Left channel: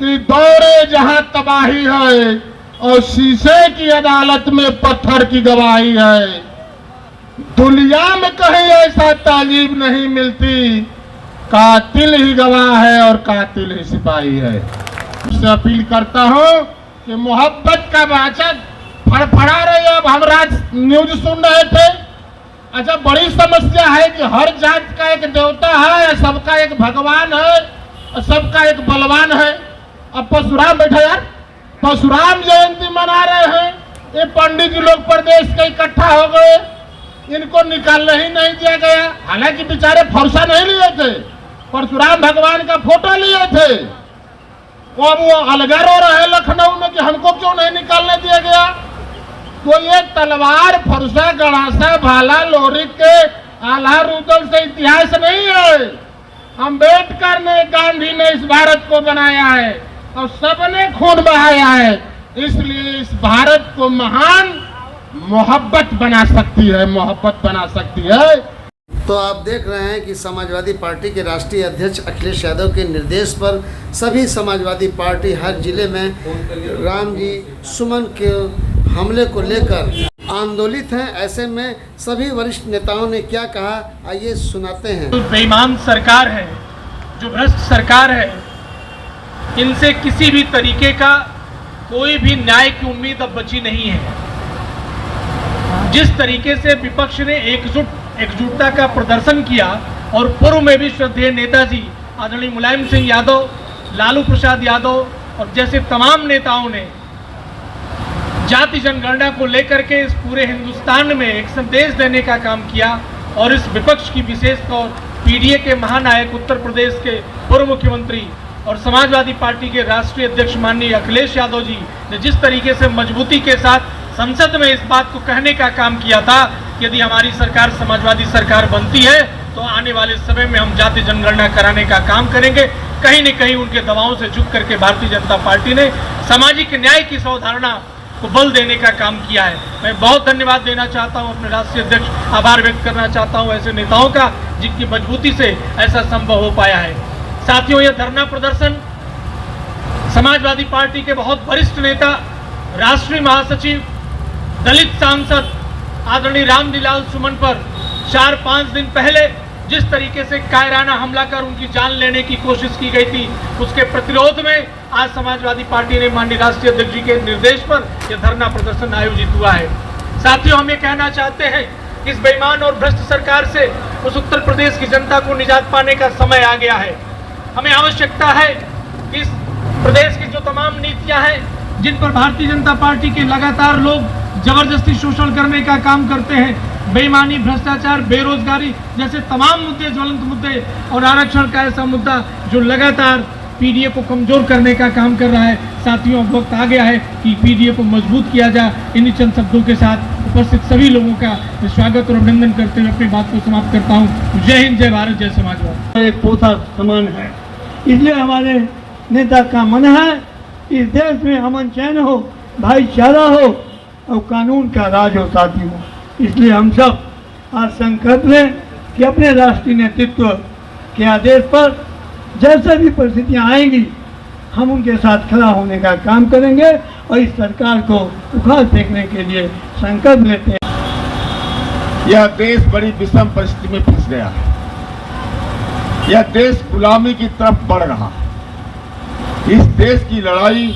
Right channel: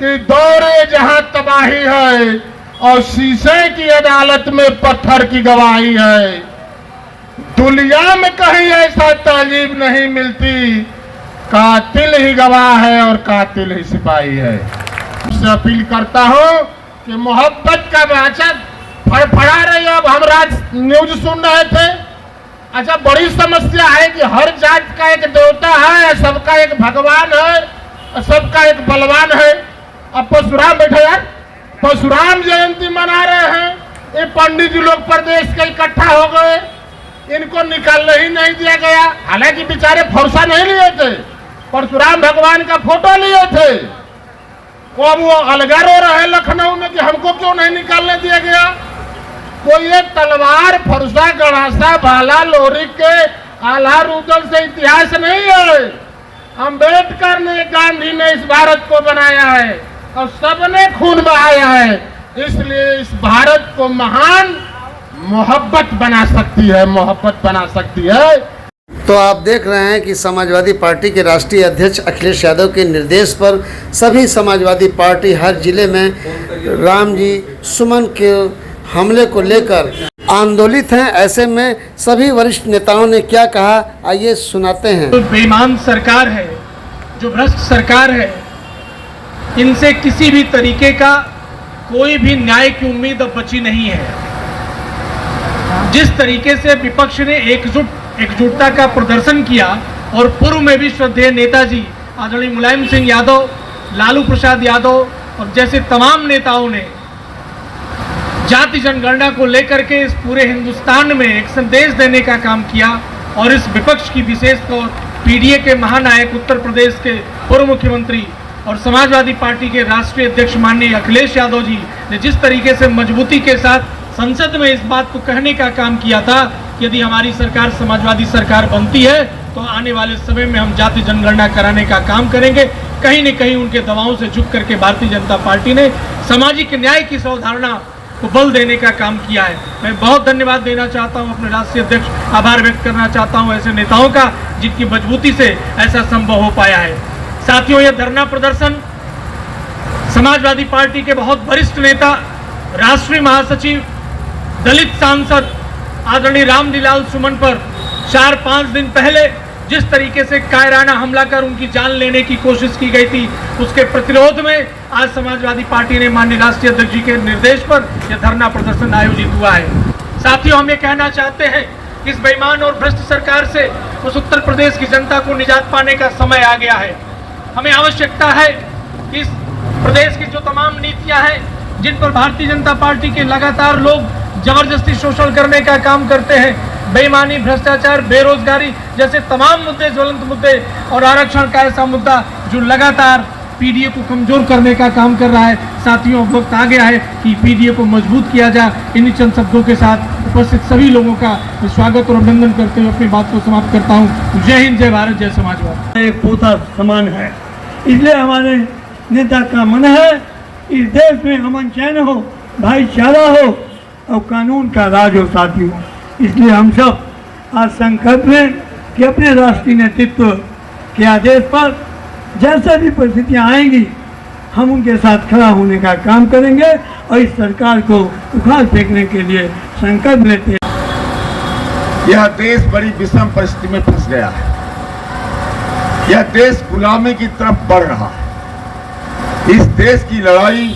कि दौरे जहां तबाही है और शीशे की अदालत में पत्थर की गवाही है। दुनिया में कहीं ऐसा तालीम नहीं मिलती, कातिल ही गवाह है और कातिल ही सिपाही है। उससे अपील करता हूं कि मोहब्बत का वाचक फड़फड़ा रही। अब हम न्यूज सुन रहे थे, अच्छा बड़ी समस्या है कि हर जात का एक देवता है, सबका एक भगवान है और सबका एक बलवान है। अब परशुराम बैठे यार, परशुराम जयंती मना रहे हैं, ये पंडित जी लोग प्रदेश के इकट्ठा हो गए, इनको निकालने ही नहीं दिया गया। हालांकि बेचारे फरसा नहीं लिए थे, परशुराम भगवान का फोटो लिए थे। और वो अलगा रो रहे लखनऊ में कि हमको क्यों नहीं निकालने दिया गया। कोई एक तलवार, फरसा, गणासा, भाला, लोरी के आल्हा रुदल से इतिहास नहीं है। अंबेडकर ने, गांधी ने इस भारत को बनाया है और सबने खून बहाया है। इसलिए इस भारत को महान मोहब्बत बना सकती है, मोहब्बत बना सकती है। तो आप देख रहे हैं कि समाजवादी पार्टी के राष्ट्रीय अध्यक्ष अखिलेश यादव के निर्देश पर सभी समाजवादी पार्टी हर जिले में राम जी सुमन के हमले को लेकर आंदोलित हैं। ऐसे में सभी वरिष्ठ नेताओं ने क्या कहा, आइए सुनाते हैं। जो बेईमान सरकार है, जो भ्रष्ट सरकार है, इनसे किसी भी तरीके का कोई भी न्याय की उम्मीद अब बची नहीं है। जिस तरीके से विपक्ष ने एकजुटता का प्रदर्शन किया और पूर्व में भी श्रद्धेय नेताजी आदरणीय मुलायम सिंह यादव, लालू प्रसाद यादव और जैसे तमाम नेताओं ने जाति जनगणना को लेकर के इस पूरे हिंदुस्तान में एक संदेश देने का काम किया और इस विपक्ष की विशेष तौर पीडीए के महानायक, उत्तर प्रदेश के पूर्व मुख्यमंत्री और समाजवादी पार्टी के राष्ट्रीय अध्यक्ष माननीय अखिलेश यादव जी ने जिस तरीके से मजबूती के साथ संसद में इस बात को कहने का काम किया था कि यदि हमारी सरकार समाजवादी सरकार बनती है तो आने वाले समय में हम जाति जनगणना कराने का काम करेंगे। कहीं न कहीं उनके दबाव से झुक करके भारतीय जनता पार्टी ने सामाजिक न्याय की अवधारणा को बल देने का काम किया है। मैं बहुत धन्यवाद देना चाहता हूं, अपने राष्ट्रीय अध्यक्ष, आभार व्यक्त करना चाहता हूं ऐसे नेताओं का जिनकी मजबूती से ऐसा संभव हो पाया है। साथियों, यह धरना प्रदर्शन समाजवादी पार्टी के बहुत वरिष्ठ नेता, राष्ट्रीय महासचिव, दलित सांसद आदरणीय रामलीलाल सुमन पर 4-5 दिन पहले जिस तरीके से कायराना हमला कर उनकी जान लेने की कोशिश की गई थी, उसके प्रतिरोध में आज समाजवादी पार्टी ने माननीय राष्ट्रीय अध्यक्ष जी के निर्देश पर यह धरना प्रदर्शन आयोजित हुआ है। साथियों, हम ये कहना चाहते हैं कि इस बेईमान और भ्रष्ट सरकार से उस उत्तर प्रदेश की जनता को निजात पाने का समय आ गया है। हमें आवश्यकता है कि इस प्रदेश की जो तमाम नीतियां हैं, जिन पर भारतीय जनता पार्टी के लगातार लोग जबरदस्ती शोषण करने का काम करते हैं, बेईमानी, भ्रष्टाचार, बेरोजगारी जैसे तमाम मुद्दे, ज्वलंत मुद्दे और आरक्षण का ऐसा मुद्दा जो लगातार पीडीए को कमजोर करने का काम कर रहा है। साथियों, वक्त आ गया है कि पीडीए को मजबूत किया जाए। इन्हीं चंद शब्दों के साथ उपस्थित सभी लोगों का स्वागत और अभिनंदन करते हुए अपनी बात को समाप्त करता हूँ। जय हिंद, जय भारत, जय समाजवाद। एक पोथा समान है, इसलिए हमारे नेता का मन है इस देश में अमन चैन हो, भाईचारा हो और कानून का राज हो। साथियों, इसलिए हम सब आज संकल्प लें कि अपने राष्ट्रीय नेतृत्व के आदेश पर जैसे भी परिस्थितियां आएंगी हम उनके साथ खड़ा होने का काम करेंगे और इस सरकार को उखाड़ फेंकने के लिए संकल्प लेते हैं। यह देश बड़ी विषम परिस्थिति में फंस गया है। यह देश गुलामी की तरफ बढ़ रहा है। इस देश की लड़ाई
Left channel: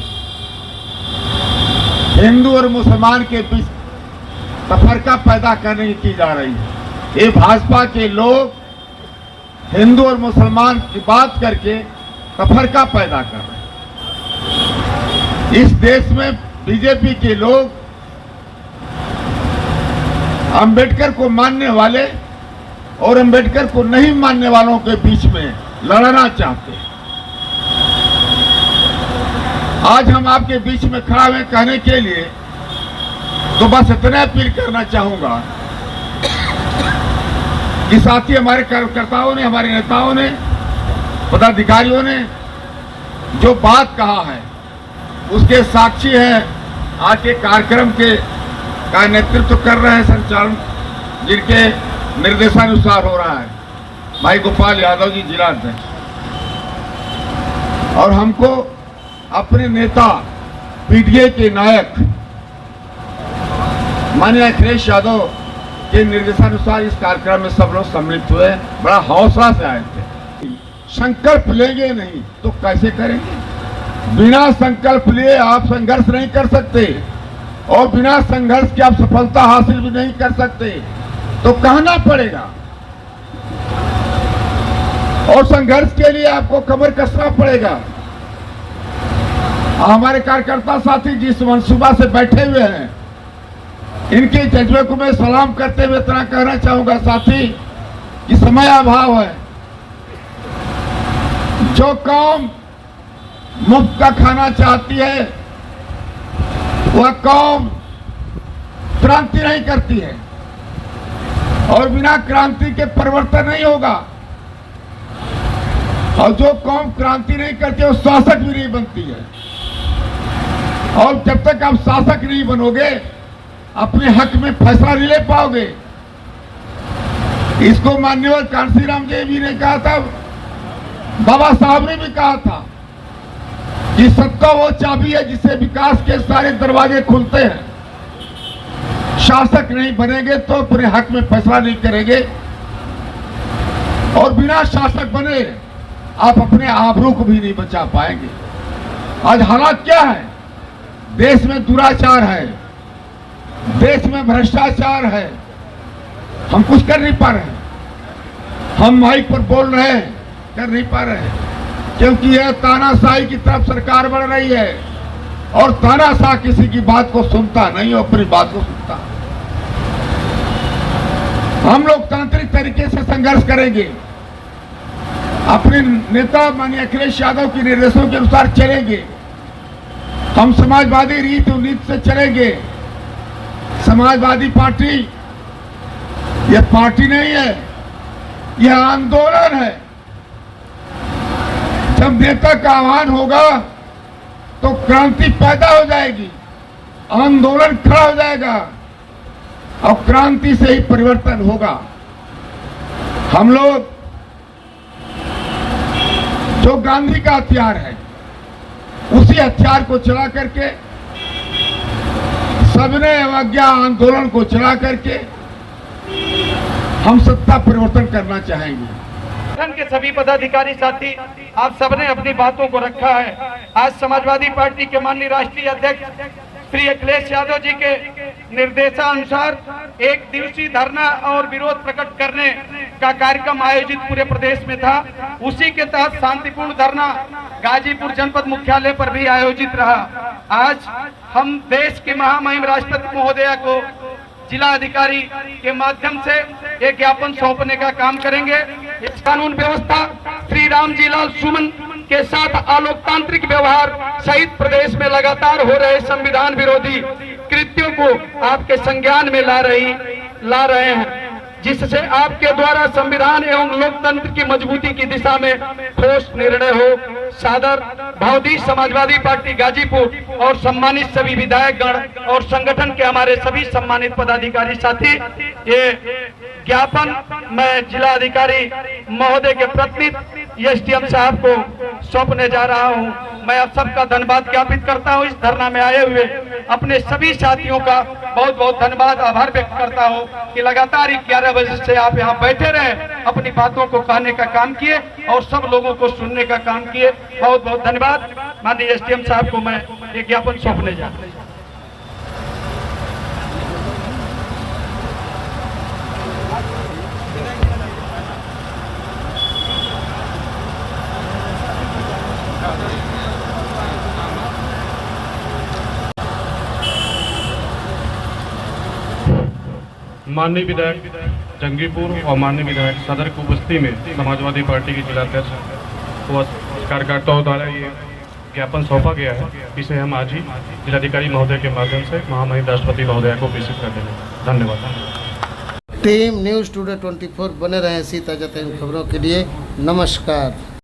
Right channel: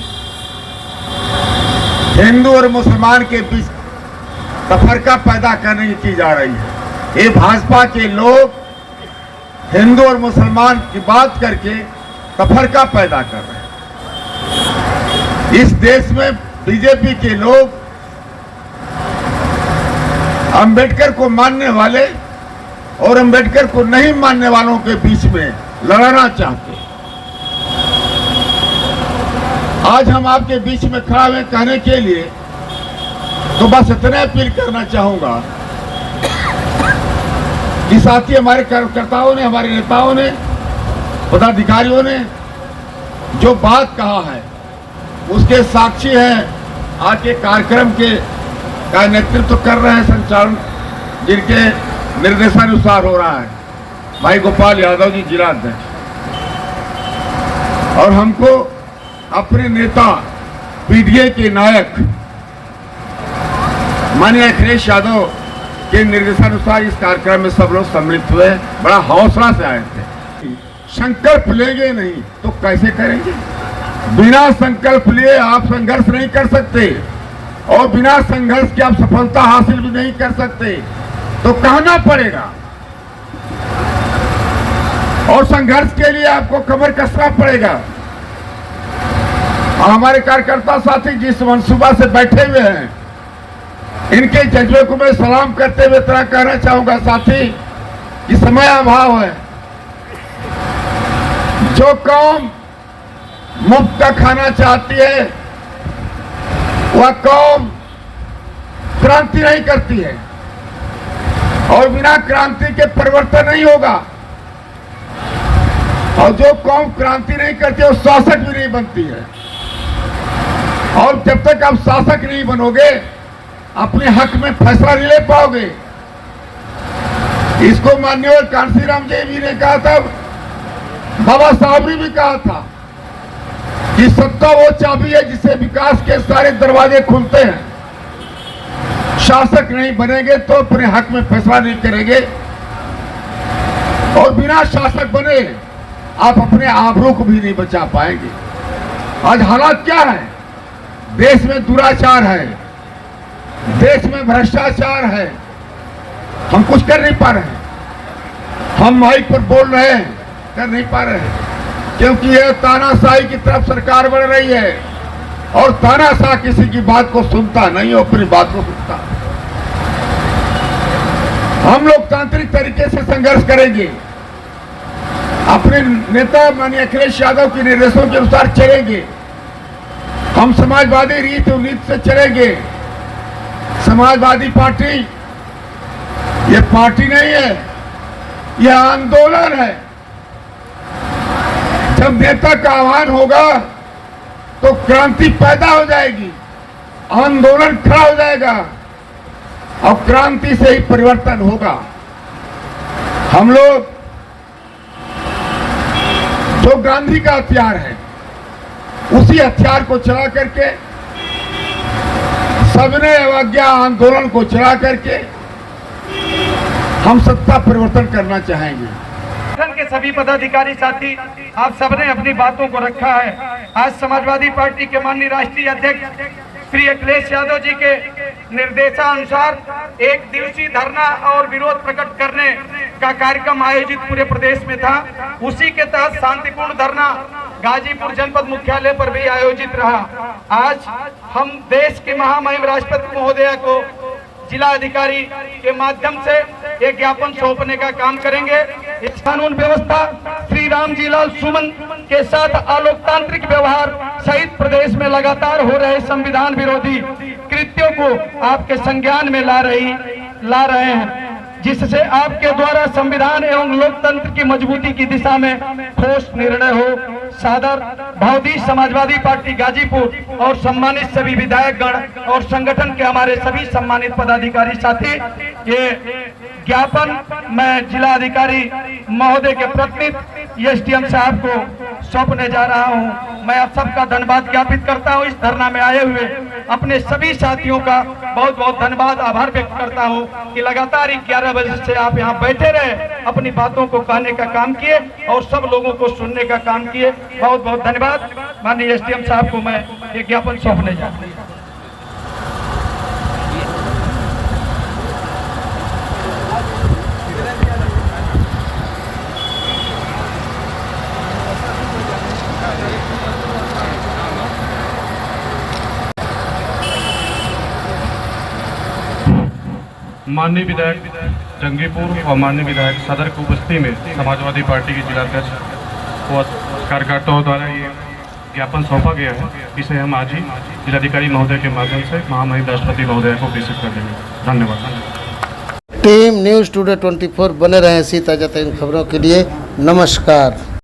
हिंदू और मुसलमान के बीच तफरका पैदा करने की जा रही है। ये भाजपा के लोग हिंदू और मुसलमान की बात करके तफरका पैदा कर रहे हैं। इस देश में बीजेपी के लोग अंबेडकर को मानने वाले और अंबेडकर को नहीं मानने वालों के बीच में लड़ना चाहते हैं। आज हम आपके बीच में खड़ा हुए कहने के लिए तो बस इतना अपील करना चाहूंगा कि साथी, हमारे कार्यकर्ताओं ने, हमारे नेताओं ने, पदाधिकारियों ने जो बात कहा है उसके साक्षी हैं। आज के कार्यक्रम के नेतृत्व कर रहे हैं, संचालन जिनके निर्देशानुसार हो रहा है, भाई गोपाल यादव जी, जिला अध्यक्ष। और हमको अपने नेता पीडीए के नायक माननीय अखिलेश यादव के निर्देशानुसार इस कार्यक्रम में सब लोग सम्मिलित हुए, बड़ा हौसला से आए थे। संकल्प लेंगे नहीं तो कैसे करेंगे? बिना संकल्प लिए आप संघर्ष नहीं कर सकते और बिना संघर्ष के आप सफलता हासिल भी नहीं कर सकते, तो कहना पड़ेगा। और संघर्ष के लिए आपको कमर कसना पड़ेगा। और हमारे कार्यकर्ता साथी जिस मनसूबा से बैठे हुए हैं, इनके जज्बे को मैं सलाम करते हुए तरह कहना चाहूंगा साथी कि समय अभाव है। जो कौम मुफ्त का खाना चाहती है वह कौम क्रांति नहीं करती है और बिना क्रांति के परिवर्तन नहीं होगा। और जो कौम क्रांति नहीं करती वो शासक भी नहीं बनती है। और जब तक आप शासक नहीं बनोगे अपने हक में फैसला नहीं ले पाओगे। इसको माननीय कांशीराम जी ने कहा था, बाबा साहब ने भी कहा था कि सत्ता वो चाबी है जिससे विकास के सारे दरवाजे खुलते हैं। शासक नहीं बनेंगे तो अपने हक में फैसला नहीं करेंगे और बिना शासक बने आप अपने आबरू को भी नहीं बचा पाएंगे। आज हालात क्या है? देश में दुराचार है, देश में भ्रष्टाचार है, हम कुछ कर नहीं पा रहे हैं। हम माइक पर बोल रहे हैं, कर नहीं पा रहे हैं क्योंकि यह तानाशाही की तरफ सरकार बढ़ रही है और तानाशाह किसी की बात को सुनता नहीं, अपनी बात को सुनता। हम लोकतांत्रिक तरीके से संघर्ष करेंगे, अपने नेता माननीय अखिलेश यादव के निर्देशों के अनुसार चलेंगे। हम समाजवादी रीत और नीति से चलेंगे। समाजवादी पार्टी यह पार्टी नहीं है, यह आंदोलन है। जब नेता का आह्वान होगा तो क्रांति पैदा हो जाएगी, आंदोलन खड़ा हो जाएगा और क्रांति से ही परिवर्तन होगा। हम लोग जो गांधी का हथियार है उसी हथियार को चला करके, सबने अवज्ञा आंदोलन को चला करके हम सत्ता परिवर्तन करना चाहेंगे। संगठन के सभी पदाधिकारी साथी, आप सबने अपनी बातों को रखा है। आज समाजवादी पार्टी के माननीय राष्ट्रीय अध्यक्ष श्री अखिलेश यादव जी के निर्देशानुसार एक दिवसीय धरना और विरोध प्रकट करने का कार्यक्रम आयोजित पूरे प्रदेश में था। उसी के तहत शांतिपूर्ण धरना गाजीपुर जनपद मुख्यालय पर भी आयोजित रहा। आज हम देश के महामहिम राष्ट्रपति महोदया को जिला अधिकारी के माध्यम से एक ज्ञापन सौंपने का काम करेंगे। इस कानून व्यवस्था श्री रामजी लाल सुमन के साथ अलोकतांत्रिक व्यवहार सहित प्रदेश में लगातार हो रहे संविधान विरोधी कृत्यों को आपके संज्ञान में ला रहे हैं, जिससे आपके द्वारा संविधान एवं लोकतंत्र की मजबूती की दिशा में ठोस निर्णय हो। सादर भावदी समाजवादी पार्टी गाजीपुर और सम्मानित सभी विधायकगण और संगठन के हमारे सभी सम्मानित पदाधिकारी साथी, ये ज्ञापन मैं जिला अधिकारी महोदय के प्रतिनिधि एसडीएम साहब को सौंपने जा रहा हूं। मैं आप सबका धन्यवाद ज्ञापित करता हूं। इस धरना में आए हुए अपने सभी साथियों का बहुत बहुत धन्यवाद, आभार व्यक्त करता हूं कि लगातार 11 बजे से आप यहां बैठे रहे, अपनी बातों को कहने का काम किए और सब लोगों को सुनने का काम किए। बहुत बहुत धन्यवाद। माननीय एसडीएम साहब को मैं एक ज्ञापन सौंपने जा रहा हूं। माननीय विधायक जंगीपुर और माननीय विधायक सदर की उपस्थिति में समाजवादी पार्टी के जिलाध्यक्ष व कार्यकर्ताओं द्वारा ये ज्ञापन सौंपा गया है। इसे हम आज ही जिलाधिकारी महोदय के माध्यम से महामहिम राष्ट्रपति महोदय को प्रेषित कर देंगे। धन्यवाद। टीम न्यूज़ टुडे 24 बने रहें इसी ताज़ा तरीन खबरों के लिए। नमस्कार।